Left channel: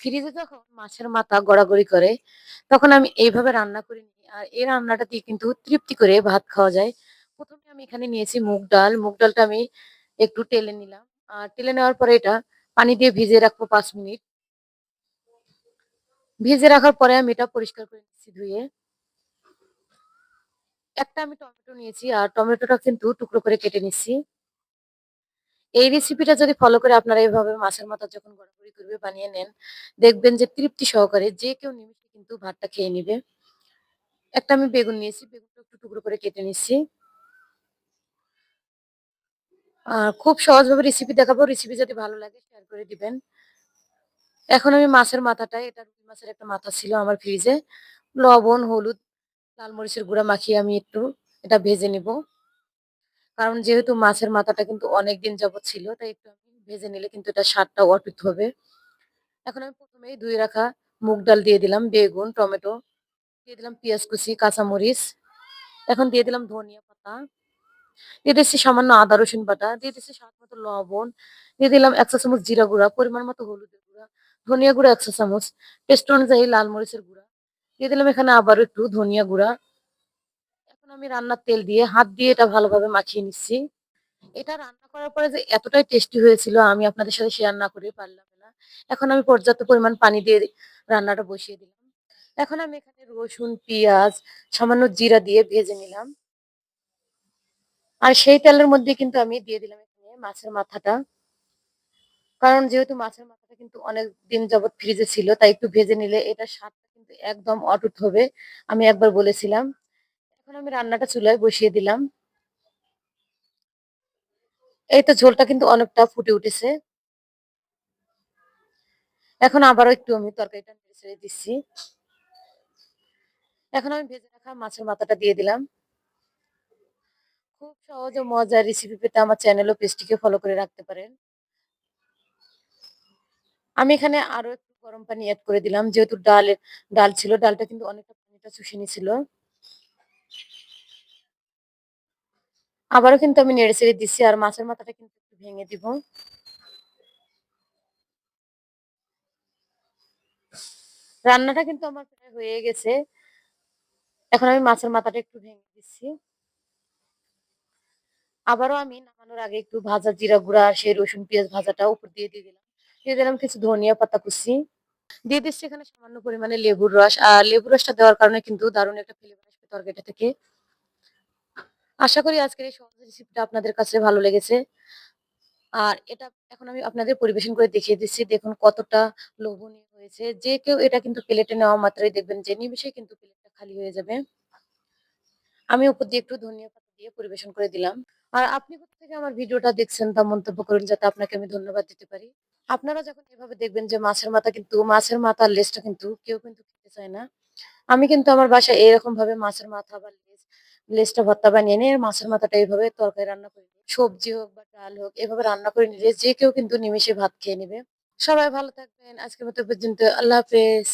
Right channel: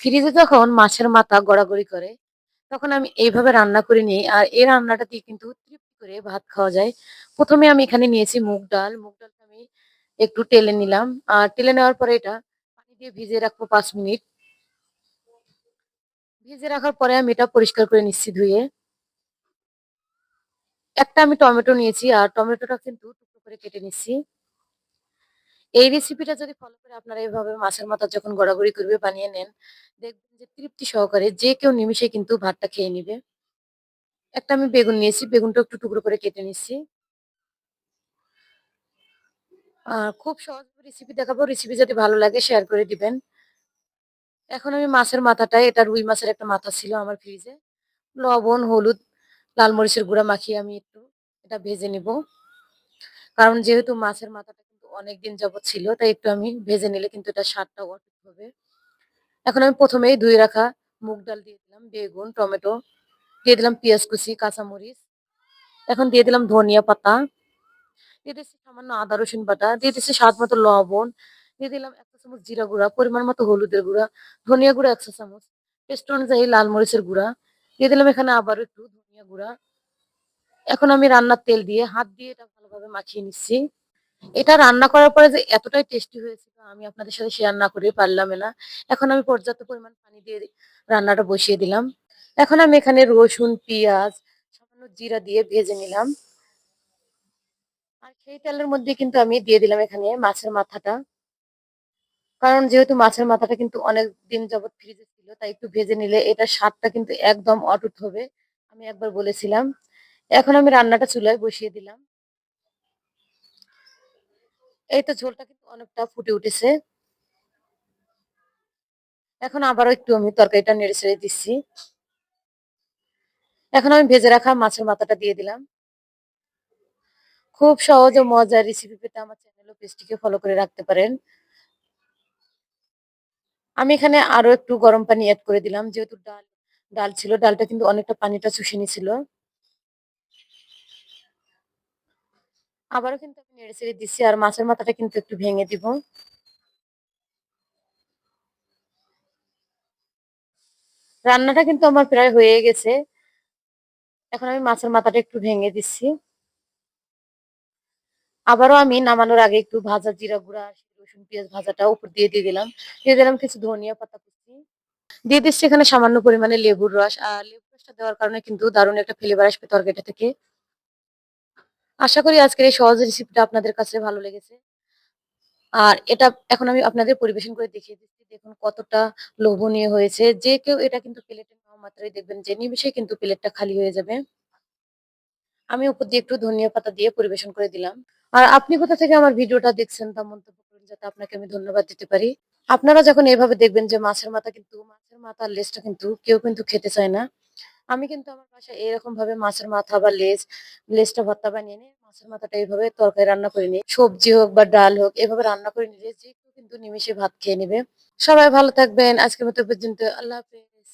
ফ্রিজে যখন মাছের মাথা গড়াগড়ি করে, তখন আমি এইভাবে রান্না করে নিই। আর এই রান্নাটা দিয়ে কিন্তু তৃপ্তি করে ভাত খাওয়া যায়। ১ম এ আমি এখানে নিয়েছি মুগ ডাল। মুগ ডালটা আমি একটু টেলে নিলাম। আর টেলে নেওয়ার পরে এটা পানি দিয়ে ভিজিয়ে রাখবো ৫ মিনিট। ভিজিয়ে রাখার পরে আমি এটা পরিষ্কার করে নিচ্ছি ধুয়ে। একটা আমি টমেটো নিয়েছি আর টমেটোটা কিন্তু টুকরো করে কেটে নিচ্ছি। এই রেসিপিটা যদি ফলো করে আপনারা এভাবে মাছের মাথা যখন গড়াগড়ি করবে বানিয়ে নেন, দেখবেন যে তৃপ্তি সহকারে যে কেউ নিমিষে কিন্তু ভাতটা খেয়ে নিবে। একটা আমি বেগুন নিয়েছি, বেগুনটা একটু টুকরো করে কেটে নিচ্ছি। খুব সহজভাবে রেসিপি দেখাবো। রেসিপি যদি ভালো লাগে শেয়ার করে দিবেন। এখন আমি মাছের মাথাটায়, এটা রুই মাছের একটা মাথা ছিল আমার ফ্রিজে। লবণ, হলুদ, লাল মরিচের গুঁড়া মাখিয়ে আমি একটু এটা ভেজে নিব। কারণ যেহেতু মাছের মাথাটা কিন্তু অনেকদিন যাবৎ ছিল, তাই একটু আমি ভেজে নিলে কিন্তু এটার স্বাদটা অটুট হবে। এখন আমি ১ম এই ধুয়ে রাখা মুগ ডাল দিয়ে দিলাম, বেগুন, টমেটো, দিয়ে দিলাম পেঁয়াজ কুচি, কাঁচামরিচ। এখন দিয়ে দিলাম ধনিয়া পাতা, দিয়ে দিচ্ছি সামান্য আদা রসুন বাটা, দিয়ে দিচ্ছি স্বাদ মতো লবণ, দিয়ে দিলাম ১ চা চামচ জিরা গুঁড়া, পরিমাণ মতো হলুদের গুঁড়া, ধনিয়া গুঁড়া ১ চা চামচ, টেস্ট অনুযায়ী লাল মরিচের গুঁড়া, দিয়ে দিলাম এখানে আবারও একটু ধনিয়া গুঁড়া। এখন আমি রান্নার তেল দিয়ে হাত দিয়ে এটা ভালোভাবে মাখিয়ে নিচ্ছি। এটা রান্না করার পরে যে এতটাই টেস্টি হয়েছিল আমি আপনাদের সাথে শেয়ার না করে পারলাম না। এখন আমি পর্যাপ্ত পরিমাণ পানি দিয়ে রান্নাটা বসিয়ে দিলাম। এখন আমি এখানে রসুন, পেঁয়াজ, সামান্য জিরা দিয়ে ভেজে নিলাম। আর সেই তেলের মধ্যে কিন্তু আমি দিয়ে দিলাম এখানে মাছের মাথাটা। কারণ যেহেতু মাছের মাথাটা কিন্তু অনেক দিন যাবৎ ফ্রিজে ছিল, তাই একটু ভেজে নিলে এটার স্বাদটা কিন্তু একদম অটুট হবে। আমি একবার বলেছিলাম। এখন আমি রান্নাটা চুলায় বসিয়ে দিলাম। এই তো ঝোলটা কিন্তু অনেকটা ফুটে উঠেছে। এখন আবারও একটু আমি তরকারিটা নেড়ে-চেড়ে দিচ্ছি। এখন আমি ভেজে রাখা মাছের মাথাটা দিয়ে দিলাম। খুব সহজ ও মজার রেসিপি পেতে আমার চ্যানেল ও পেজটিকে ফলো করে রাখতে পারেন। আমি এখানে আরো একটু গরম পানি এড করে দিলাম। যেহেতু ডাল ছিল, ডালটা কিন্তু অনেকটা পানিটা চুষে নিছিল। আবারও কিন্তু আমি নেড়ে-চেড়ে দিচ্ছি আর মাছের মাথাটা কিন্তু একটু ভেঙে দিব। রান্নাটা কিন্তু আমার প্রায় হয়ে গেছে। এখন আমি মাছের মাথাটা একটু ভেঙে দিচ্ছি। আবারও আমি নামানোর আগে একটু ভাজা জিরা গুঁড়া আর সেই রসুন পেঁয়াজ ভাজাটা উপর দিয়ে দিলাম। দিয়ে দিলাম কিছু ধনিয়া পাতা কুচি। দিয়ে দিচ্ছি এখানে সামান্য পরিমাণে লেবুর রস। আর লেবুর রসটা দেওয়ার কারণে কিন্তু দারুণ একটা ফ্লেভার আসবে তরকারিটা থেকে। আশা করি আজকের এই সহজ রেসিপিটা আপনাদের কাছে ভালো লেগেছে। আর এটা এখন আমি আপনাদের পরিবেশন করে দেখিয়ে দিচ্ছি। দেখুন কতটা লোভনীয় হয়েছে। যে কেউ এটা কিন্তু প্লেটে নেওয়া মাত্রই দেখবেন যে নিমিষেই কিন্তু প্লেটটা খালি হয়ে যাবে। আমি উপর দিয়ে একটু ধনিয়া পাতা দিয়ে পরিবেশন করে দিলাম। আর আপনি কোথা থেকে আমার ভিডিওটা দেখছেন তা মন্তব্য করুন যাতে আপনাকে আমি ধন্যবাদ দিতে পারি। আপনারা যখন এভাবে দেখবেন যে মাছের মাথার লেজটা কিন্তু কেউ কিন্তু খেতে চায় না। আমি কিন্তু আমার বাসায় এরকম ভাবে মাছের মাথা বা লেজটা ভর্তা বানিয়ে নিয়ে মাছের মাথাটা এইভাবে তরকারি রান্না করে নিই। সবজি হোক বা ডাল হোক এভাবে রান্না করে নিলে যে কেউ কিন্তু নিমেষে ভাত খেয়ে নেবে। সবাই ভালো থাকবেন। আজকের মতো এ পর্যন্ত। আল্লাহ হাফেজ।